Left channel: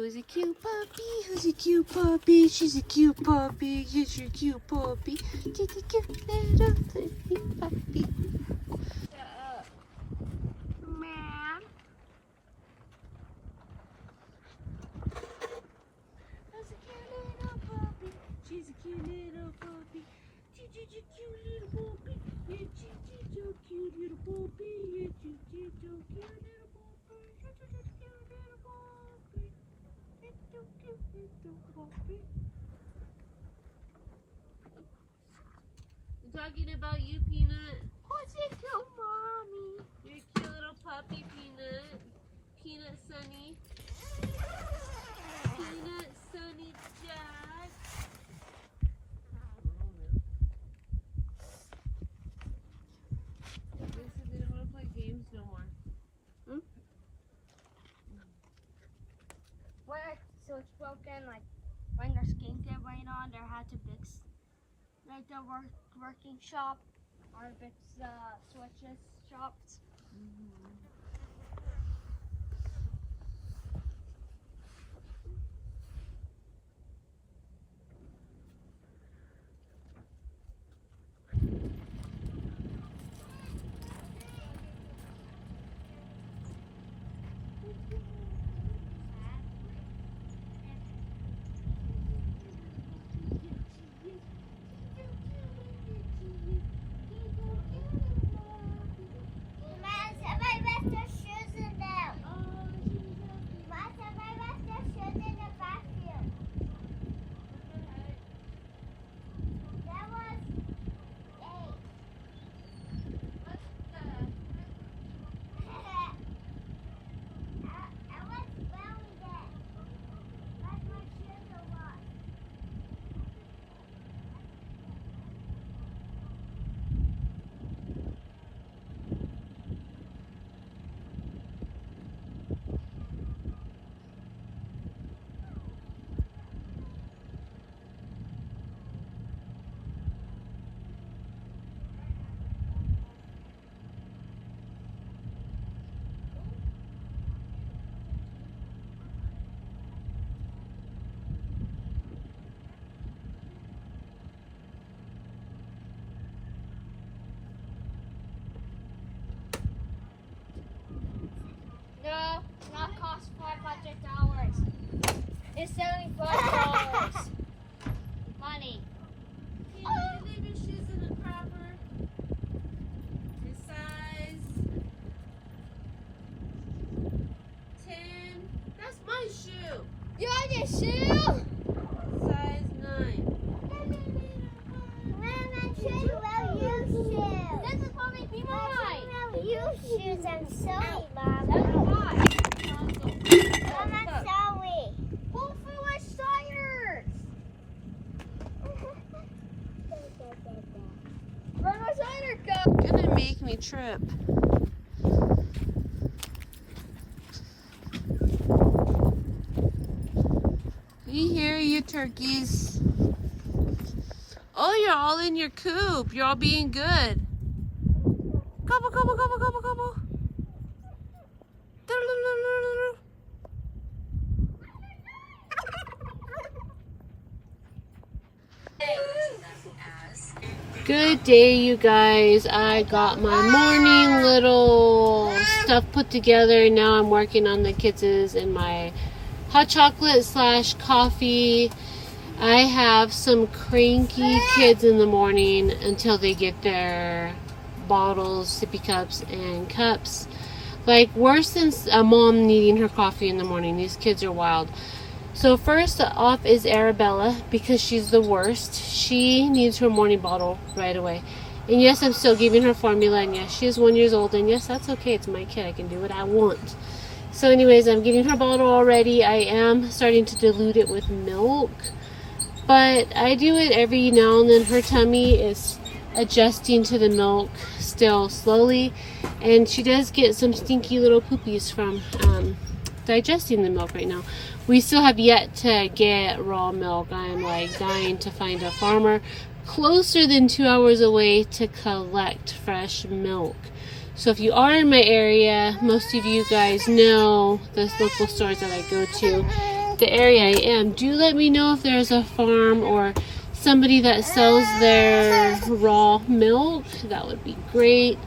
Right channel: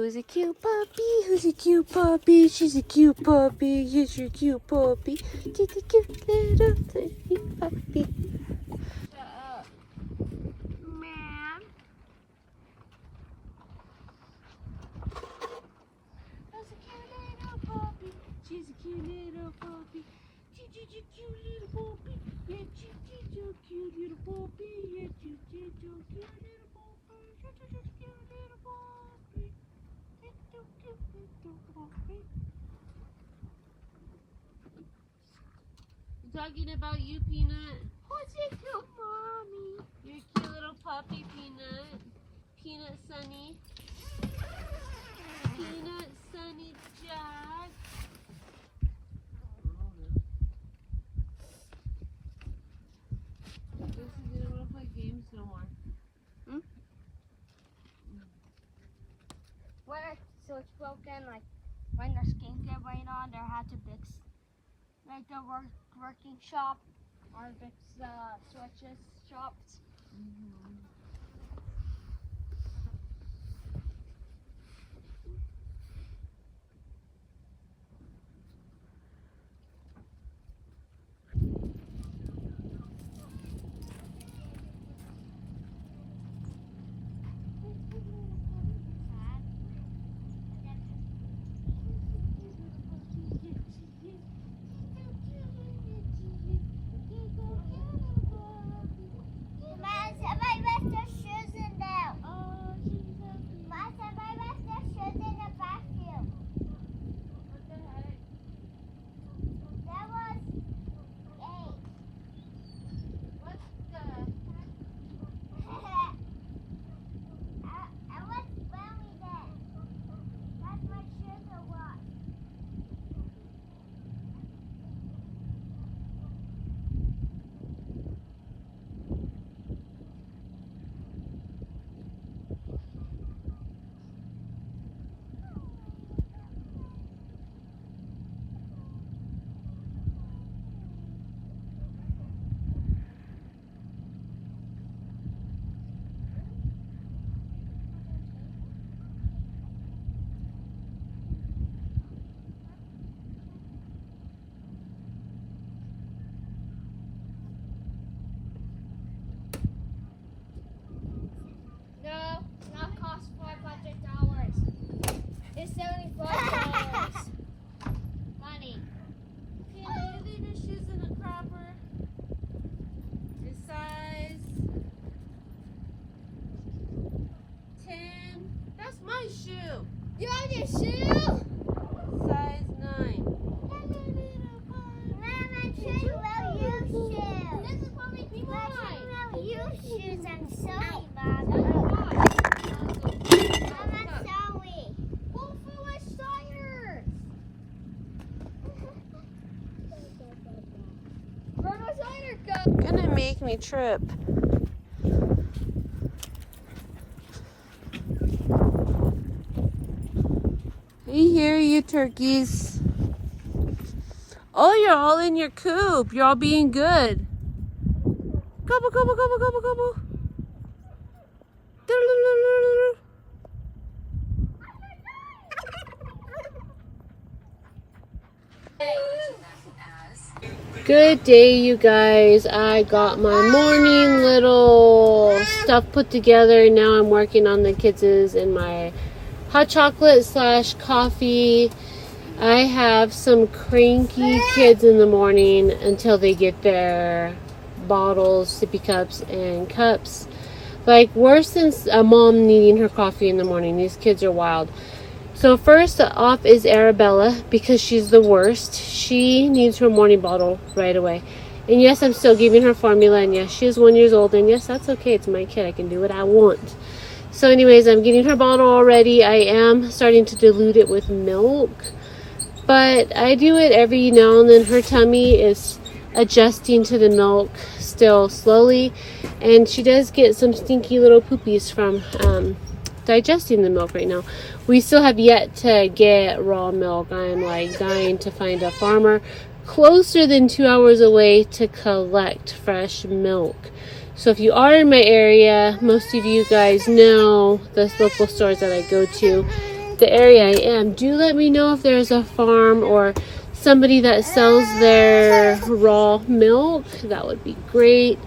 Who's a cute puppy? Who's a cute puppy? She's a cute puppy. Yes, you're a cute puppy. Take a cute little puppy. Shut up. Man. That's a cute little puppy. She's a cute little puppy. She's a cute little puppy. Yeah, she's a cute little puppy. Yeah, she's a cute little puppy. I'm talking about you, Peanut. Who's your cute mommy? You're a cute little puppy, Peanut. Peanut Sunny. Peanut Sunny Jack. I guess they didn't want to play games no more. Where so it's broken, like when the skincare went on, there had to fix like the working shop or fix switches shops. Shoe. You want your shoe? Size 9. Mama, shoes will use shoes. This is for me, people. Will use shoes. I'm sorry, Mom. Mama, sorry. Who threw my tires? Where'd my tire go? Gonna make me trip. We hear you, turkeys. Oh, you're all in your coop. You're all being good. Gobble, gobble, gobble, gobble, gobble. Good day, you guys. I got my morning little stuff put together. Now I'm working on the kids' and my hot chocolate / coffee. I have some cranky kids in the morning until they get their bottles, sippy cups, and cups. Like worse than a mom needing her coffee in the morning. These kids are wild. So first off is Arabella, because she's the worst. She needs her morning bottle right away. And yes, I'm still giving her formula, and yes, she is 1 year old, and yes, that's okay. It's my kid. I can do what I want. So anyways, I'm getting her bottle already. I am starting to dilute it with milk, but I do it every now and then. Her tummy is adjusting to the milk still slowly, and she does get some stinky little poopies from digesting the milk right now. We still have yet to get raw milk. I'm like dying to find a farmer closer than 2 hours away to collect fresh milk. So if you are in my area, most of you guys know the local stores that I go to. the area I am, do let me know if there's a farm or somebody that sells their raw milk. That would be great.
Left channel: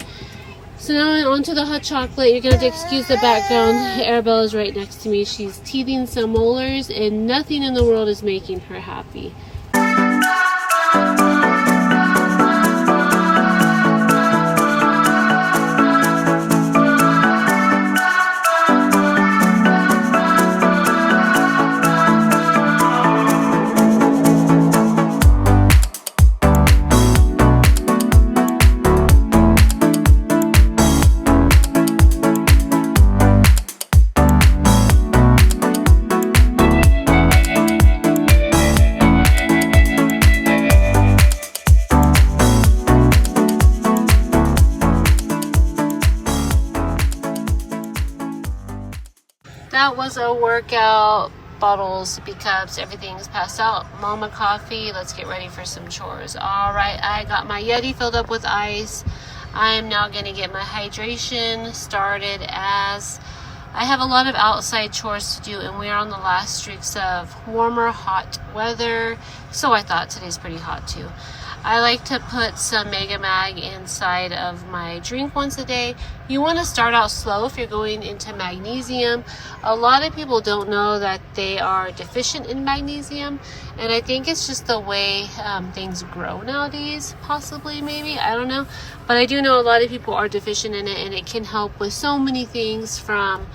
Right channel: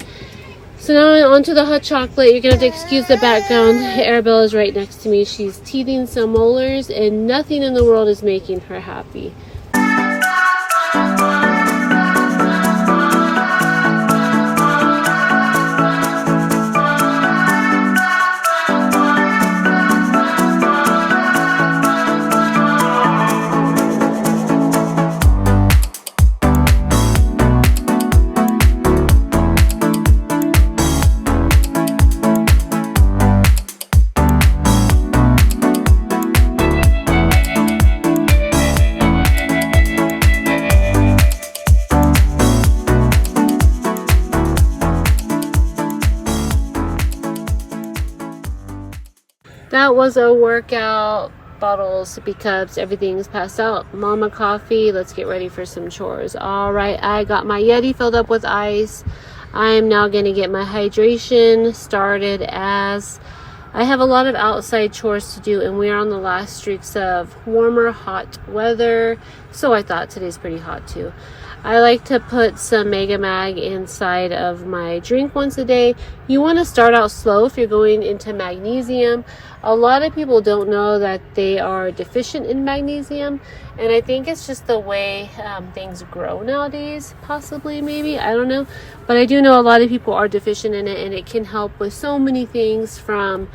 So now on to the hot chocolate. You're gonna have to excuse the background. Arabella is right next to me. She's teething some molars and nothing in the world is making her happy. That was a workout. Bottles, sippy cups, everything's passed out. Mama coffee. Let's get ready for some chores. All right, I got my Yeti filled up with ice. I'm now going to get my hydration started as I have a lot of outside chores to do and we are on the last streaks of warmer, hot weather. So I thought today's pretty hot too. I like to put some Mega Mag inside of my drink once a day. You want to start out slow if you're going into magnesium. A lot of people don't know that they are deficient in magnesium, and I think it's just the way things grow nowadays, possibly, maybe, I don't know. But I do know a lot of people are deficient in it, and it can help with so many things from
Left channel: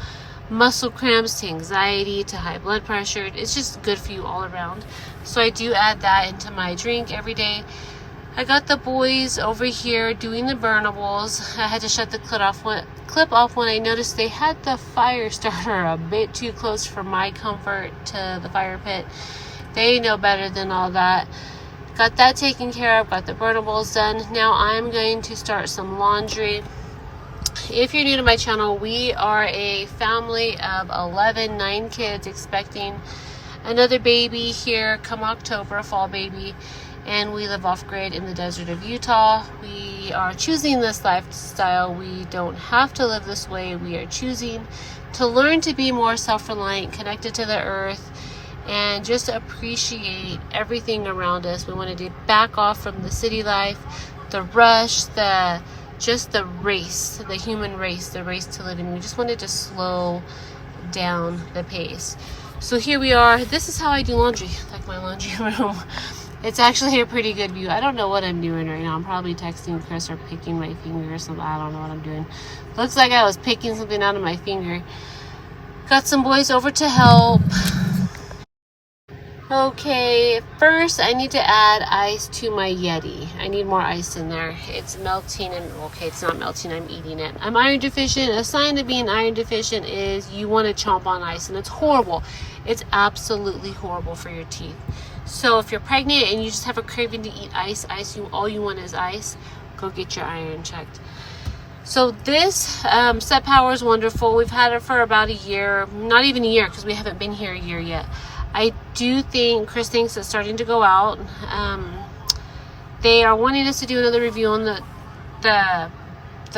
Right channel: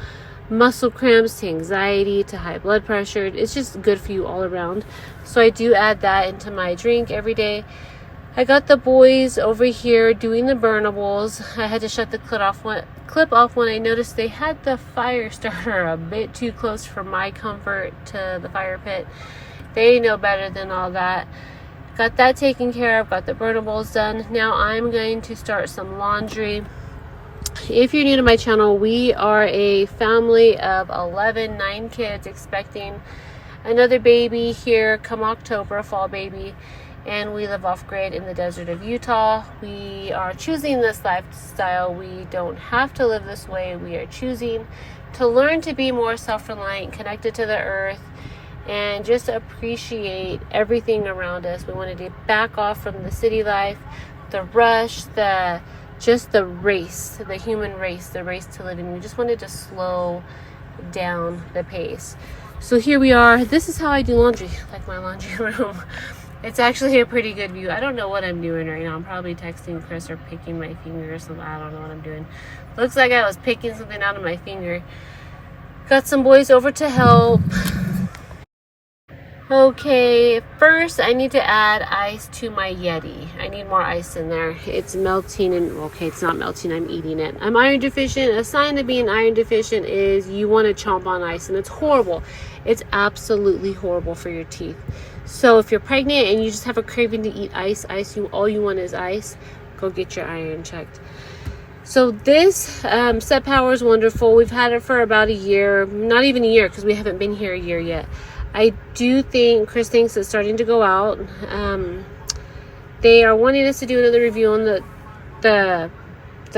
muscle cramps to anxiety to high blood pressure. It's just good for you all around. So I do add that into my drink every day. I got the boys over here doing the burnables. I had to shut the clip off when I noticed they had the fire starter a bit too close for my comfort to the fire pit. They know better than all that. Got that taken care of, got the burnables done. Now I'm going to start some laundry. If you're new to my channel, we are a family of 9 kids expecting another baby here come October, a fall baby. And we live off-grid in the desert of Utah. We are choosing this lifestyle. We don't have to live this way. We are choosing to learn to be more self-reliant, connected to the earth, and just appreciate everything around us. We wanted to back off from the city life, the rush, the race, the human race, the race to living. We just wanted to slow down the pace. So here we are. This is how I do laundry, like my laundry room. It's actually a pretty good view. I don't know what I'm doing right now. I'm probably texting Chris or picking my finger or something. I don't know what I'm doing. Looks like I was picking something out of my finger. Got some boys over to help. Okay, first I need to add ice to my Yeti. I need more ice in there. It's melting and, okay, it's not melting, I'm eating it. I'm iron deficient. A sign of being iron deficient is you want to chomp on ice, and it's horrible. It's absolutely horrible for your teeth. So if you're pregnant and you just have a craving to eat ice, all you want is ice, go get your iron checked. So this Set Power is wonderful. We've had it for about a year, not even a year because we haven't been here a year yet. I do think Chris thinks it's starting to go out. They are wanting us to do another review on the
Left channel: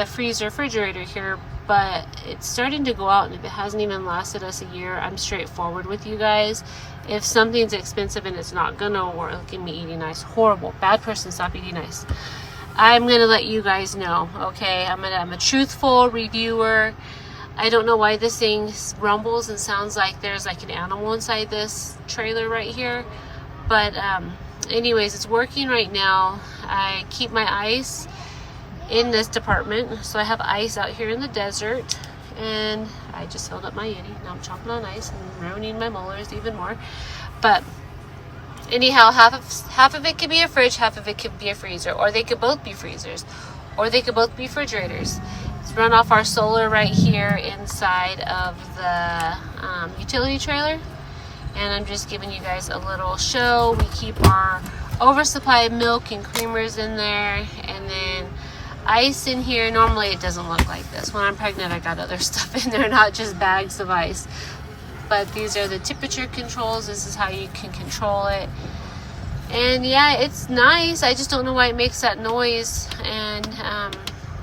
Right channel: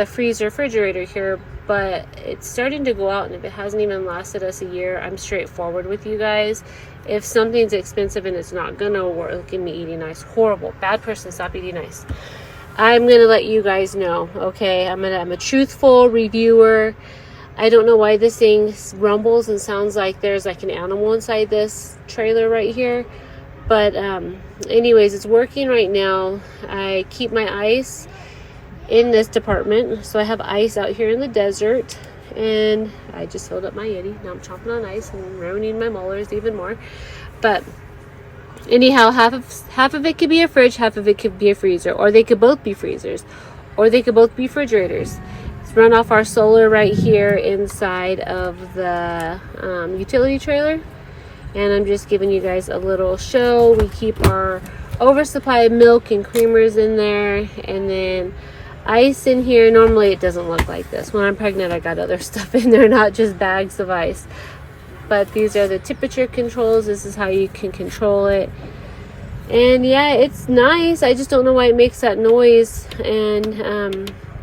freezer refrigerator here, but it's starting to go out, and if it hasn't even lasted us a year, I'm straightforward with you guys. If something's expensive and it's not gonna work, look at me eating ice. Horrible. Bad person. Stop eating ice. I'm gonna let you guys know, okay? I'm a truthful reviewer. I don't know why this thing rumbles and sounds like there's like an animal inside this trailer right here. But anyways, it's working right now. I keep my ice in this department. So I have ice out here in the desert. And I just filled up my Yeti. Now I'm chomping on ice and ruining my molars even more. But anyhow, half of it could be a fridge, half of it could be a freezer. Or they could both be freezers. Or they could both be refrigerators. Run off our solar right here inside of the utility trailer, and I'm just giving you guys a little show. We keep our oversupply of milk and creamers in there, and then ice in here. Normally it doesn't look like this. When I'm pregnant, I got other stuff in there, not just bags of ice. But these are the temperature controls. This is how you can control it. And yeah, it's nice. I just don't know why it makes that noise. And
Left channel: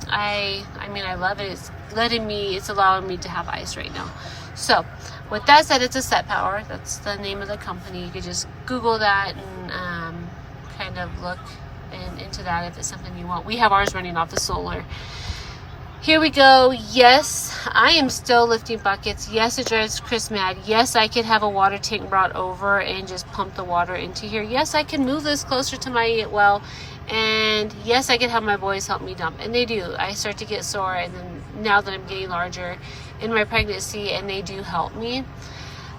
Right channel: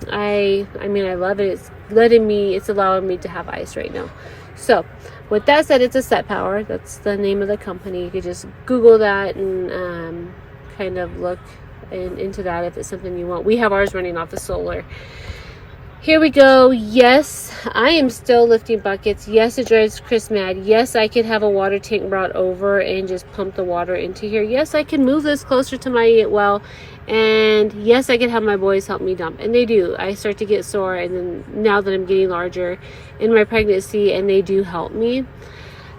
I mean, I love it. It's allowing me to have ice right now. So with that said, it's a Set Power. That's the name of the company. You could just Google that and kind of look into that if it's something you want. We have ours running off the solar. Here we go. Yes, I am still lifting buckets. Yes, it drives Chris mad. Yes, I could have a water tank brought over and just pump the water into here. Yes, I can move this closer to my well. And yes, I could have my boys help me dump. And they do. I start to get sore, and then now that I'm getting larger in my pregnancy, and they do help me.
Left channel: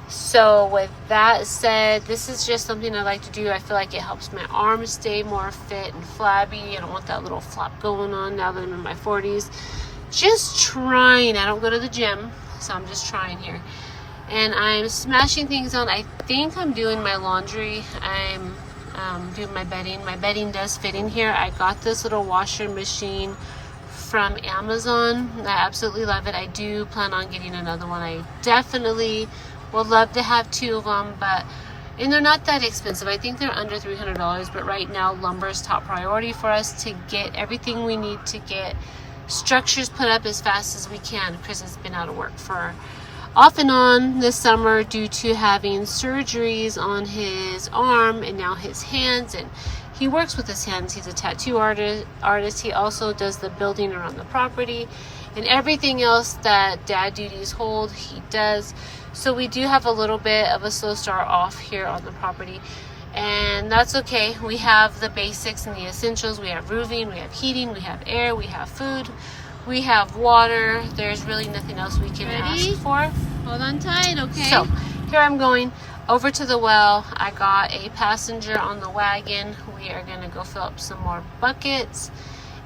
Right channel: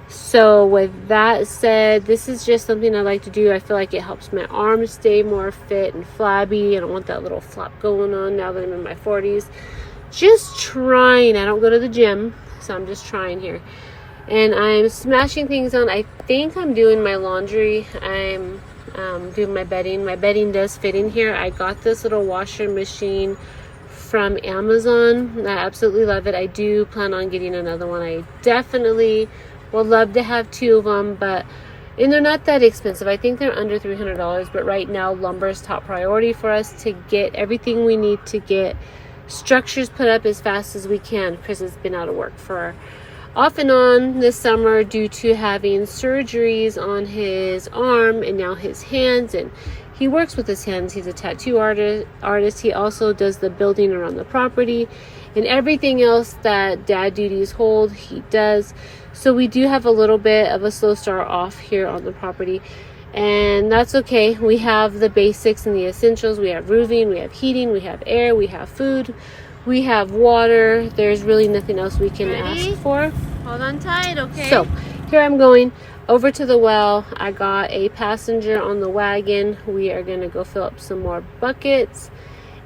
So with that said, this is just something I like to do. I feel like it helps my arms stay more fit and flabby. I don't want that little flap going on now that I'm in my 40s. Just trying. I don't go to the gym, so I'm just trying here. And I'm smashing things on. I think I'm doing my laundry. I'm doing my bedding. My bedding does fit in here. I got this little washer machine from Amazon. I absolutely love it. I do plan on getting another one. I definitely would love to have 2 of them, and they're not that expensive. I think they're under $300, but right now lumber is top priority for us to get everything we need to get structures put up as fast as we can. Chris has been out of work for off and on this summer due to having surgeries on his arm and now his hands, and he works with his hands. He's a tattoo artist. He also does the building around the property and everything else that dad duties hold, he does. So we do have a little bit of a slow start off here on the property, and that's okay. We have the basics and the essentials. We have roofing, we have heating, we have air, we have food, we have water. There's really nothing else we can ask for. Hold on tight, okay? So here I'm going over to the well. I got a passenger on the wagon. We are going to go fill up some more buckets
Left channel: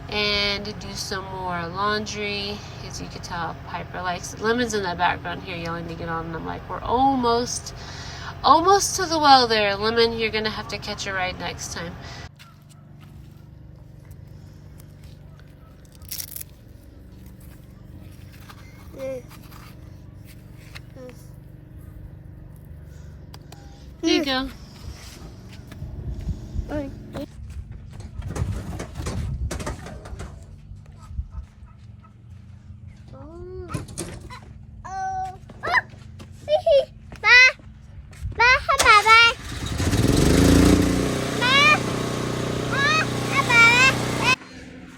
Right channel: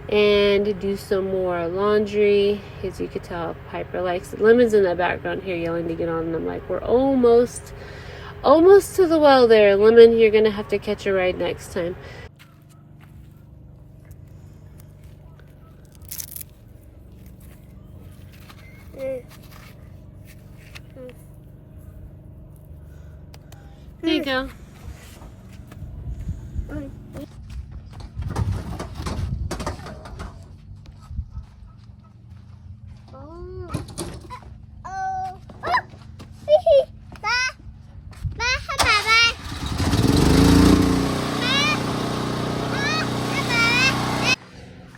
and do some more laundry. As you could tell, Piper likes it. Lemon's in the background here yelling to get on, and I'm like, we're almost to the well there. Lemon, you're gonna have to catch a ride next time. There you go.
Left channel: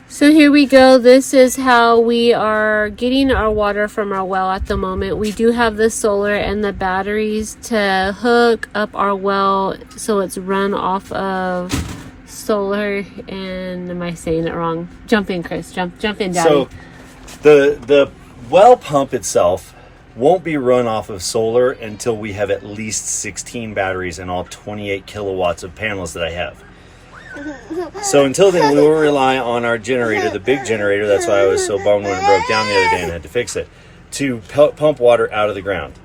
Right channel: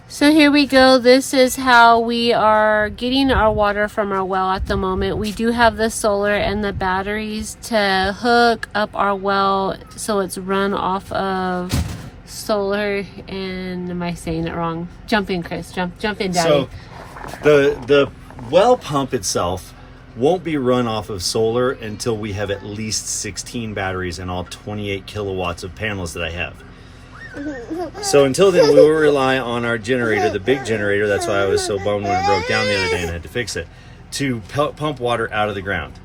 So here we go. This is how we are getting our water from our well at the moment. We do have the solar and the batteries to hook up our well, so it's run off of solar. And am I saying it wrong? Jump in, Chris. Jump in, Daddy. So the well pump itself won't be run off of solar until we have at least 16 batteries and all 28 kilowatts of panels that I have. So until then, we will rely on our generator, the big generator. That's why I was so bummed when it broke down the other day and had to fix it, to pump water out of the ground.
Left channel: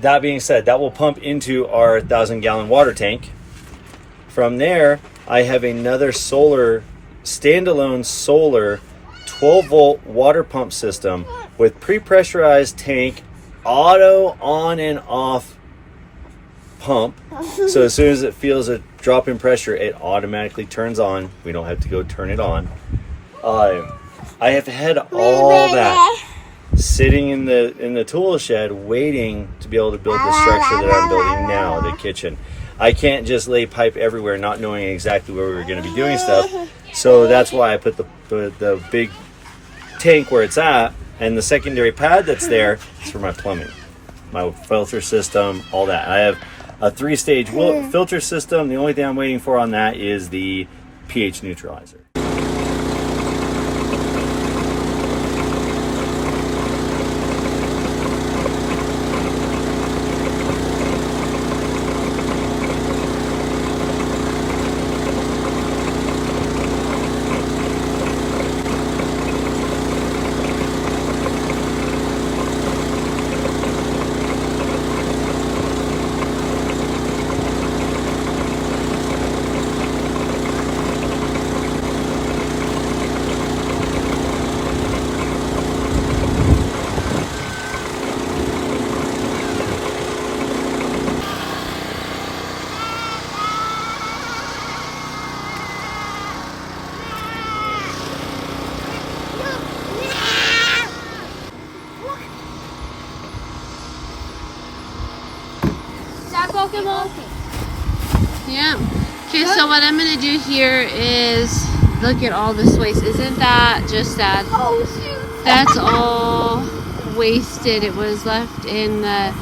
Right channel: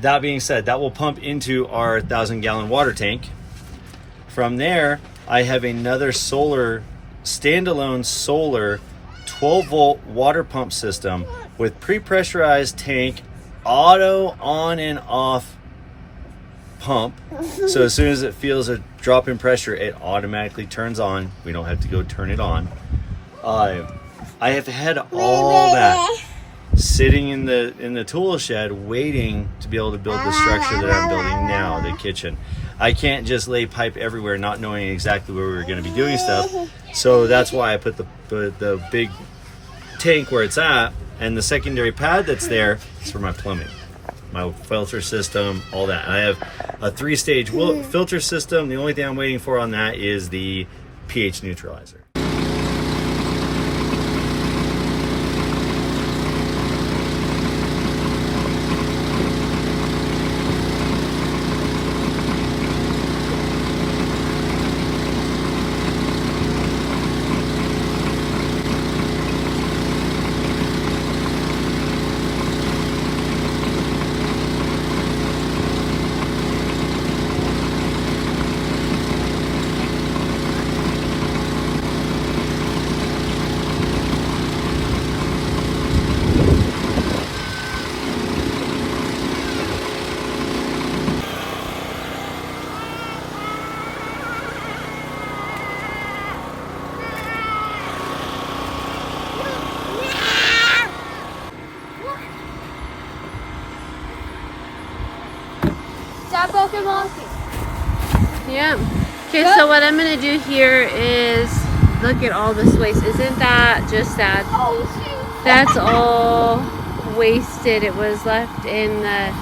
That being said, that will pump into our 1,000-gallon water tank. From there, I have another standalone solar 12-volt water pump system with pre-pressurized tank, auto on and off pump. So as soon as it feels a drop in pressure, it automatically turns on. We don't have to go turn it on. I have had all that sitting in the tool shed waiting to be able to build the structure that I'm building now, the kitchen. I can't just lay pipe everywhere not knowing exactly where we were going to be doing stuff. So that's why I put the big tank where it's at, and the secondary pad that's there is for my plumbing, my filter system, all that. I have a 3-stage filter system. The only thing I'm waiting for on that is the pH neutralizer. Yeah. Okay, so what I'm gonna do here is look at all this waste. Isn't that just sad? Oh, shoot. That's all wasted. It was left in the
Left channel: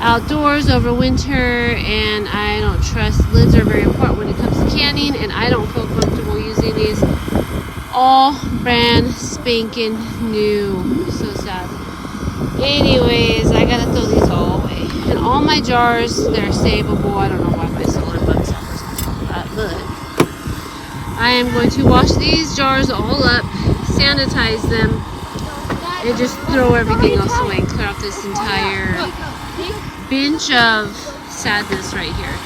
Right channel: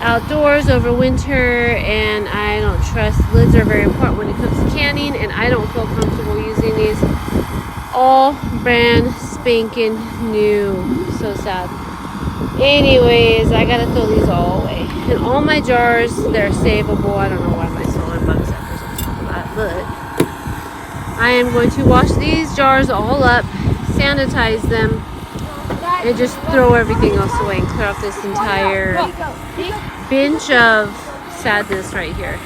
outdoors over winter, and I don't trust lids are very important when it comes to canning, and I don't feel comfortable using these all brand spanking new. So sad. Anyways, I gotta throw these all away. And all my jars, they're savable. I don't know why my solar bugs zappers on top of that, but I am going to wash these jars all up, sanitize them, and just throw everything else away and clear off this entire bench of sadness right here.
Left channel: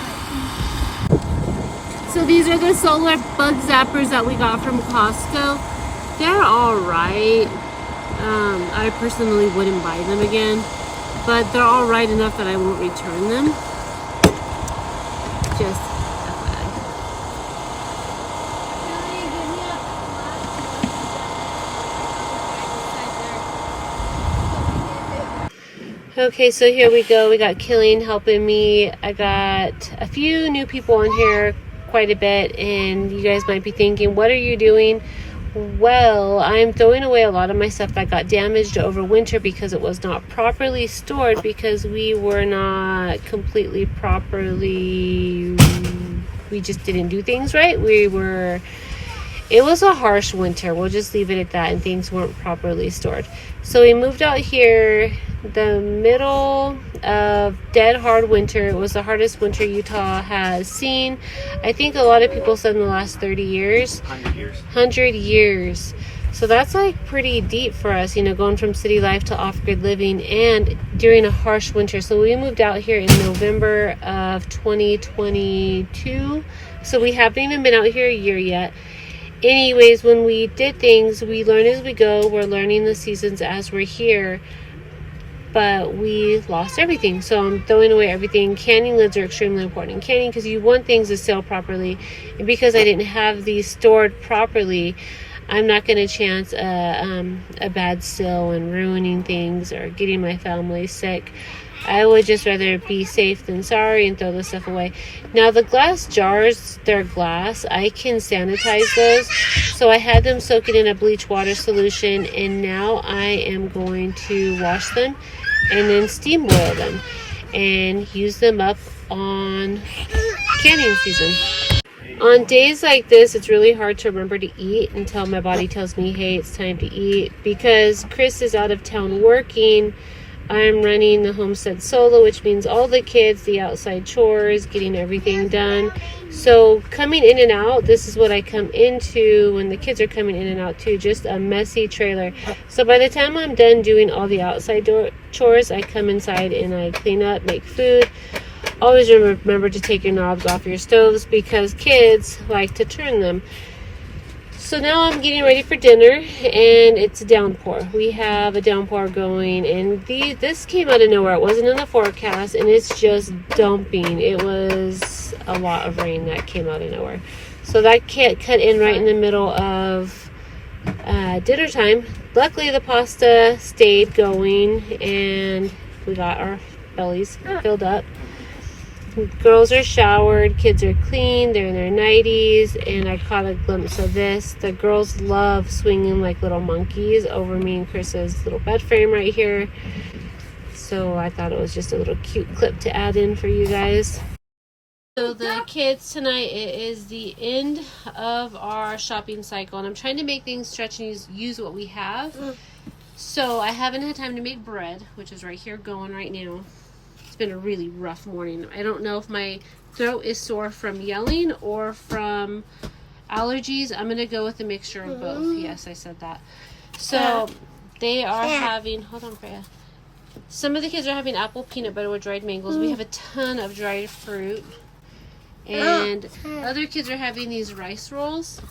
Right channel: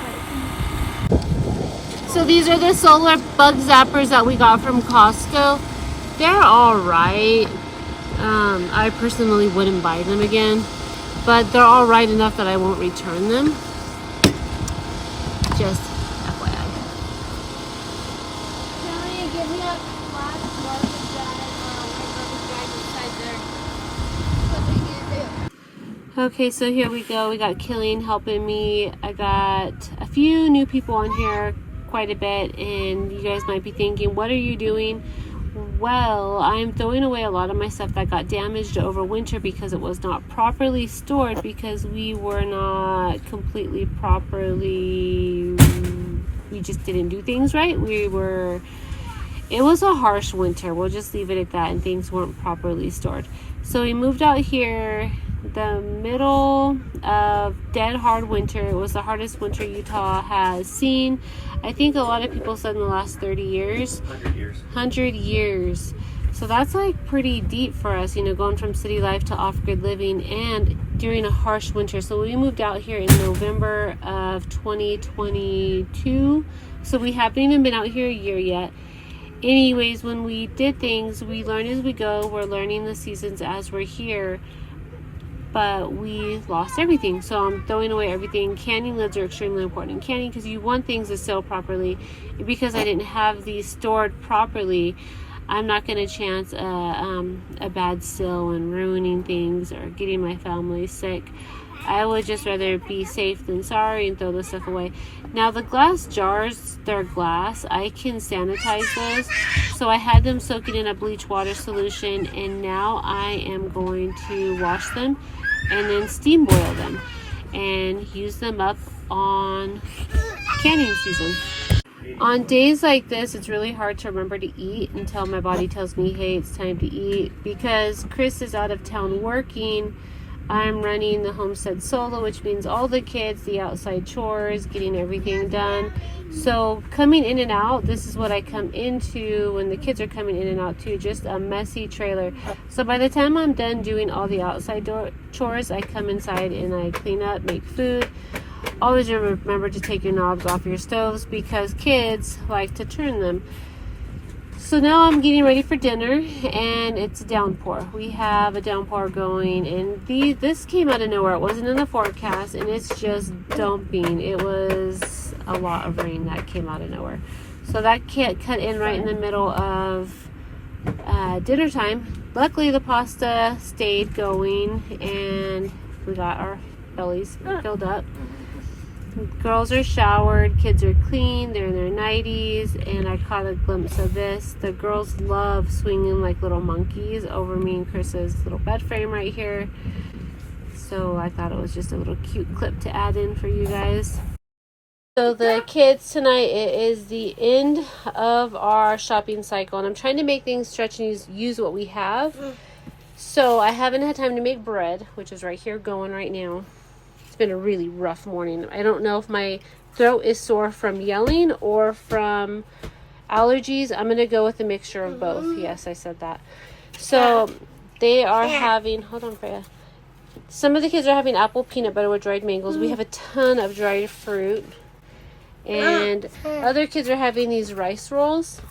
So these are the solar bug zappers that we got from Costco. They're all right. I personally wouldn't buy them again, but they're all right enough that I won't return them. Just FYI. Kelly, give me a black garbage bag or a white garbage bag inside there. What are you gonna do? Okay, so here we go. We got Killing helping me. I got a few new people on here, quite a bit, and you guys might be thinking, what are you doing? Well, I'm throwing away a lot of my stuff that got damaged over winter because it was not properly stored, because we were not completely properly, we just didn't do things right. It was a harsh winter, we'll just leave it at that, and things weren't properly stored. So we moved out here the middle of dead hard winter. It was the hardest winter Utah has seen. I think a lot of people said in the last 30 years. 100 years. 100 years. So that's like pretty deep for us, going from city life to off-grid living and during a harsh winter. So we moved out here in November of 2022. So we haven't even been out here a year yet. Anyways, when we did things, we learn as we go. We're learning the seasons as we're here. But we lost everything, so I'm throwing away everything. Canning lids are extremely important in canning because you want things to sail properly, and because I didn't have these stored properly, I'm not going to chance a bad spill and ruining things or getting my family sick. I would just rather be safe than sorry and throw this stuff away. Now the glass jars, they're glass. I can sanitize those. So I had them soaking in a bleach water solution, and now I am going to wash them and then steam boil them and use them up on canning season. On days like this, it's really hard to remember to eat until my body tells me, hey, it's time to eat. Because Chris is out of town working, I'm running the homestead solo, which means all the kids, the outside chores, getting everything done. So coming in and out, this is what I come into when the kids are coming in and out too, just a messy trailer. So by the time I'm done doing all the outside chores, I come inside and I clean up, make food. Always remember to take your knobs off your stoves because kids like to turn them. So now I'm getting ready for dinner, and it's a downpour. We have a downpour going, and this came out of nowhere. It wasn't in the forecast, and it's just dumping. It was a lot of rain that came out of nowhere. So that cut in right in the middle of dinner time. Luckily, the pasta stayed going, and we got our bellies filled up. Girls are showered, kids are clean, they're in their 90s, and I caught a glimpse of this. The girls love swinging like little monkeys over me and Chris's little bed frame right here. So I thought it was just a little cute clip to add in for you guys. So the kids tonight, it is the end of our shopping cycle, and I'm trying to make things stretch and use what we have. So I haven't had time to make bread, which is right here going right now. It's been a really rough morning. I don't know if my throat is sore from yelling or from allergies. I'm going to go with a mixture of both. Yes, I said that. So they are having, hold on, Freya. Some of the kids are having apple peanut butter with dried mangoes. We have a ton of dried fruit. And other kids are having these rice rolls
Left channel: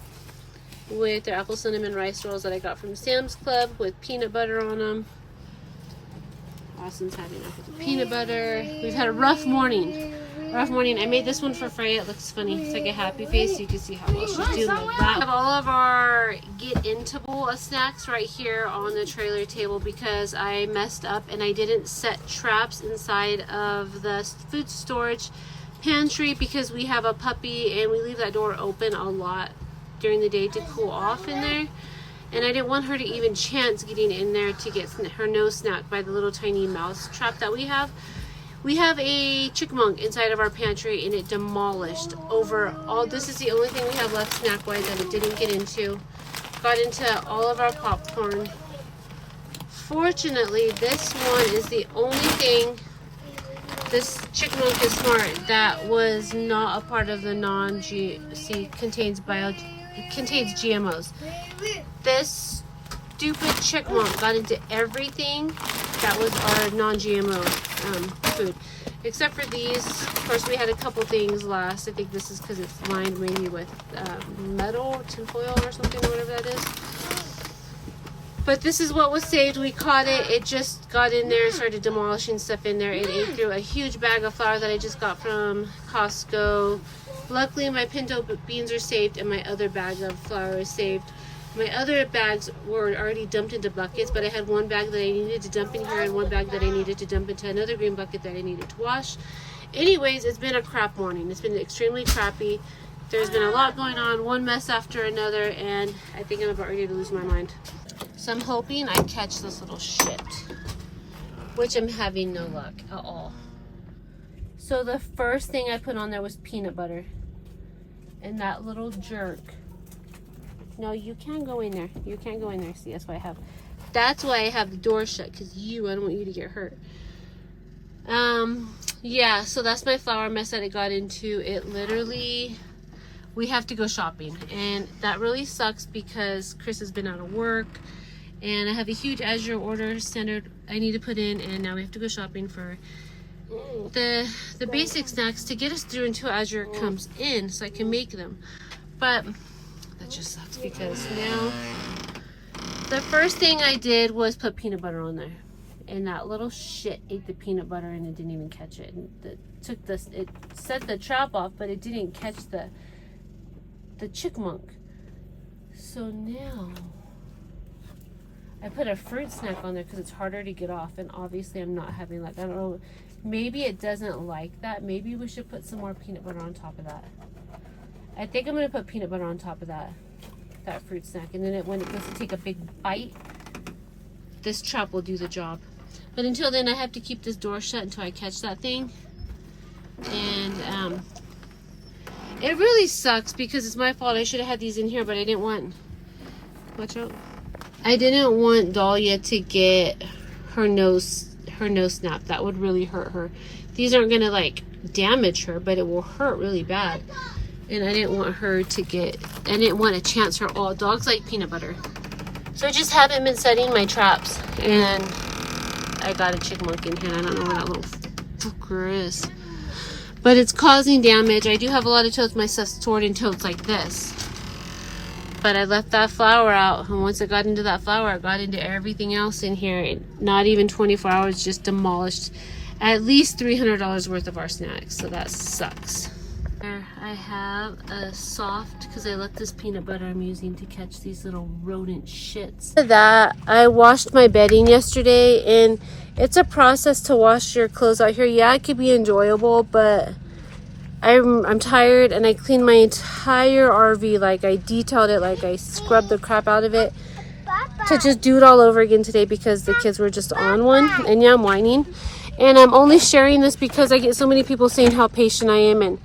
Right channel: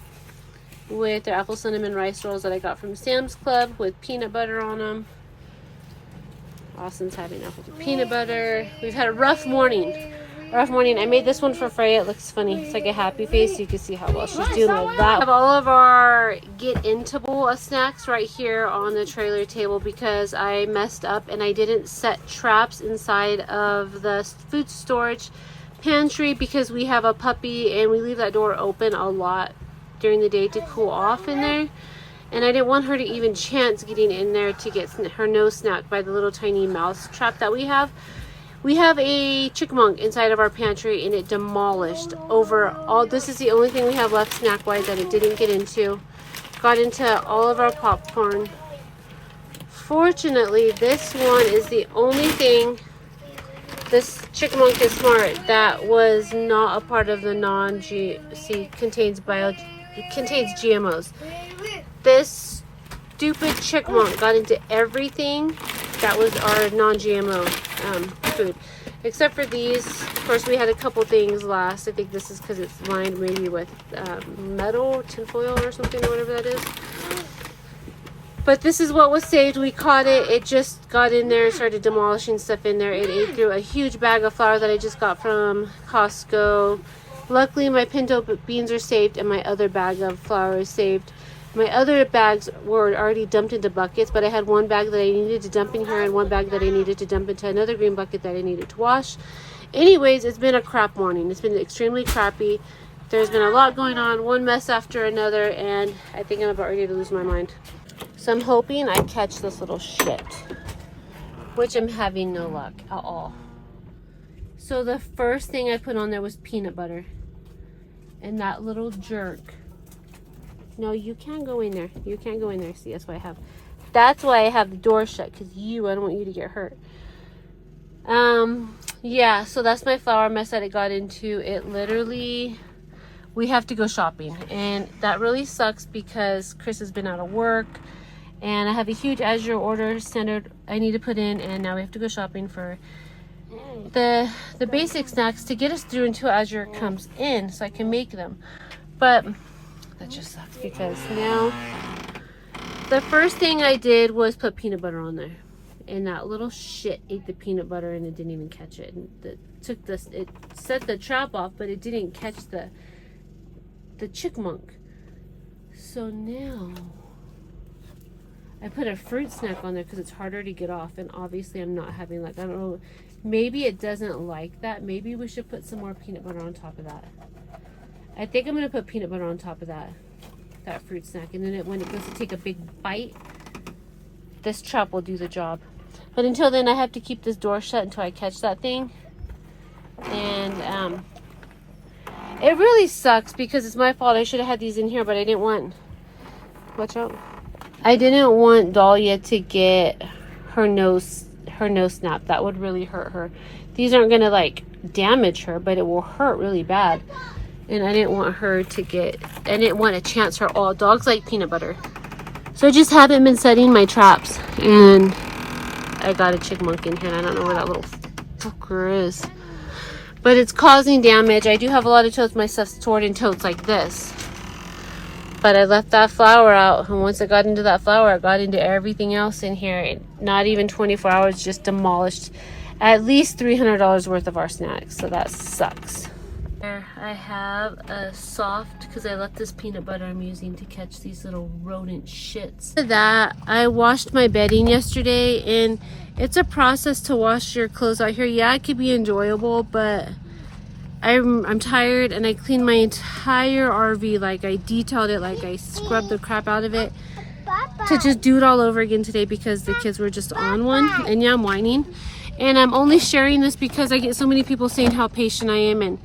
with their apple cinnamon rice rolls that I got from Sam's Club with peanut butter on them. Austin's having apple with peanut butter. We've had a rough morning. I made this one for Freya. It looks funny. It's like a happy face. You can see how well she's doing with that. We have all of our get into bowl of snacks right here on the trailer table because I messed up and I didn't set traps inside of the food storage pantry because we have a puppy and we leave that door open a lot during the day to cool off in there. And I didn't want her to even chance getting in there to get her nose snapped by the little tiny mouse trap that we have. We have a chipmunk inside of our pantry and it demolished over all. This is the only thing we have left snack wise that it didn't get into. Got into all of our popcorn. Fortunately, this one is the only thing, this chipmunk is smart, that was not a part of the contains GMOs. This stupid chipmunk got into everything that was our non-GMO food, except for these. Of course, we had a couple things last. I think this is because it's lined maybe with metal, tinfoil or something, or whatever that is. But this is what was saved. We caught it. It just got in there and started demolishing stuff in there. It ate through a huge bag of flour that I just got from Costco. Luckily, my pinto beans are saved and my other bag of flour is saved. My other bags were already dumped into buckets, but I had one bag that I needed to dump in here and one bag that I needed to dump into another green bucket that I needed to wash. Anyways, it's been a crap morning. It's been extremely crappy. There's been a lot going on, one mess after another, and I think I'm about ready to lose my mind. So I'm hoping I catch this little shit, which I'm having no luck at all. So the first thing I put on there was peanut butter. And that little jerk. No, you can't go in there. You can't go in there. See, that's why I have the door shut, because I don't want you to get hurt. Yeah, so that's my flour mess that it got into. It literally, we have to go shopping, and that really sucks because Chris has been out of work and I have a huge Azure order standard I need to put in, and now we have to go shopping for the basic snacks to get us through until Azure comes in so I can make them. But that just sucks because now the first thing I did was put peanut butter on there, and that little shit ate the peanut butter and it didn't even catch it. And it set the trap off, but it didn't catch the chipmunk. So now I put a fruit snack on there because it's harder to get off, and obviously I'm not having luck. I don't know, maybe it doesn't like that. Maybe we should put some more peanut butter on top of that. I think I'm going to put peanut butter on top of that fruit snack, and then when it goes to take a big bite, this trap will do the job. But until then, I have to keep this door shut until I catch that thing. And it really sucks because it's my fault. I should have had these in here, but I didn't want, watch out, I didn't want Dahlia to get her nose snapped. That would really hurt her. These aren't gonna like damage her, but it will hurt really bad. And I didn't want her to I didn't want to chance her all. Dogs like peanut butter. So I just haven't been setting my traps. And I got a chipmunk in here, and I don't know where that little fucker is. But it's causing damage. I do have a lot of totes. My stuff's stored in totes like this. But I left that flour out, and once I got into that flour, I got into everything else in here. Not even 24 hours, just demolished at least $300 worth of our snacks. So that sucks. There I have a soft, because I left this peanut butter I'm using to catch these little rodent shits. That I washed my bedding yesterday, and it's a process to wash your clothes out here. Yeah, it could be enjoyable, but I'm tired, and I cleaned my entire RV. Like, I detailed it, like I scrubbed the crap out of it to just do it all over again today because the kids were just on one. And yeah, I'm whining, and I'm only sharing this because I get so many people saying how patient I am and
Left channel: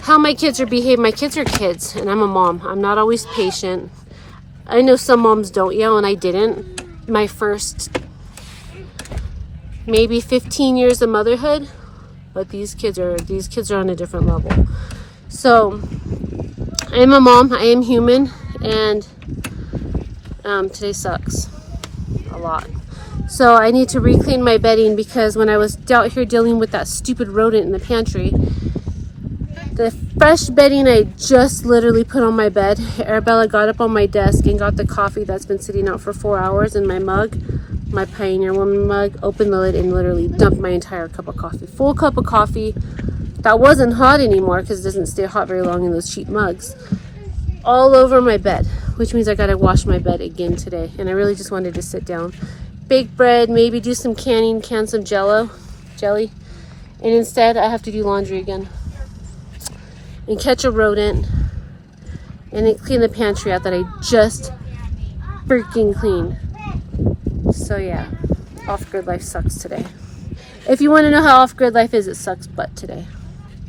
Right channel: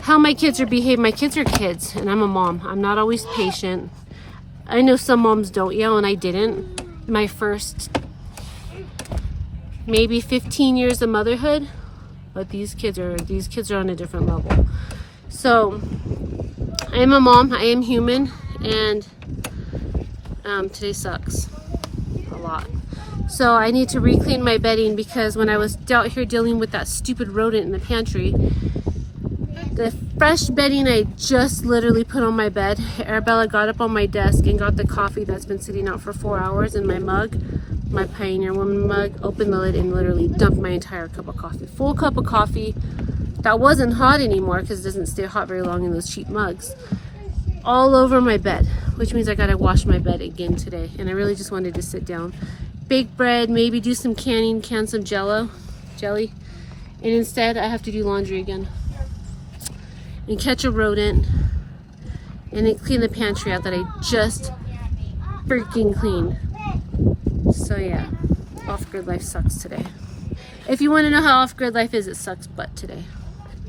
how my kids are behaving. My kids are kids, and I'm a mom. I'm not always patient. I know some moms don't yell, and I didn't. My first maybe 15 years of motherhood, but these kids are on a different level. So I am a mom. I am human, and today sucks a lot. So I need to re-clean my bedding because when I was out here dealing with that stupid rodent in the pantry, the fresh bedding I just literally put on my bed, Arabella got up on my desk and got the coffee that's been sitting out for 4 hours in my mug, my Pioneer Woman mug, opened the lid and literally dumped my entire cup of coffee. Full cup of coffee that wasn't hot anymore because it doesn't stay hot very long in those cheap mugs. All over my bed, which means I gotta wash my bed again today. And I really just wanted to sit down, bake bread, maybe do some canning, can some jelly. And instead I have to do laundry again. and catch a rodent, and then clean the pantry out that I just freaking cleaned. So yeah, off-grid life sucks today. If you want to know how off-grid life is, it sucks butt today.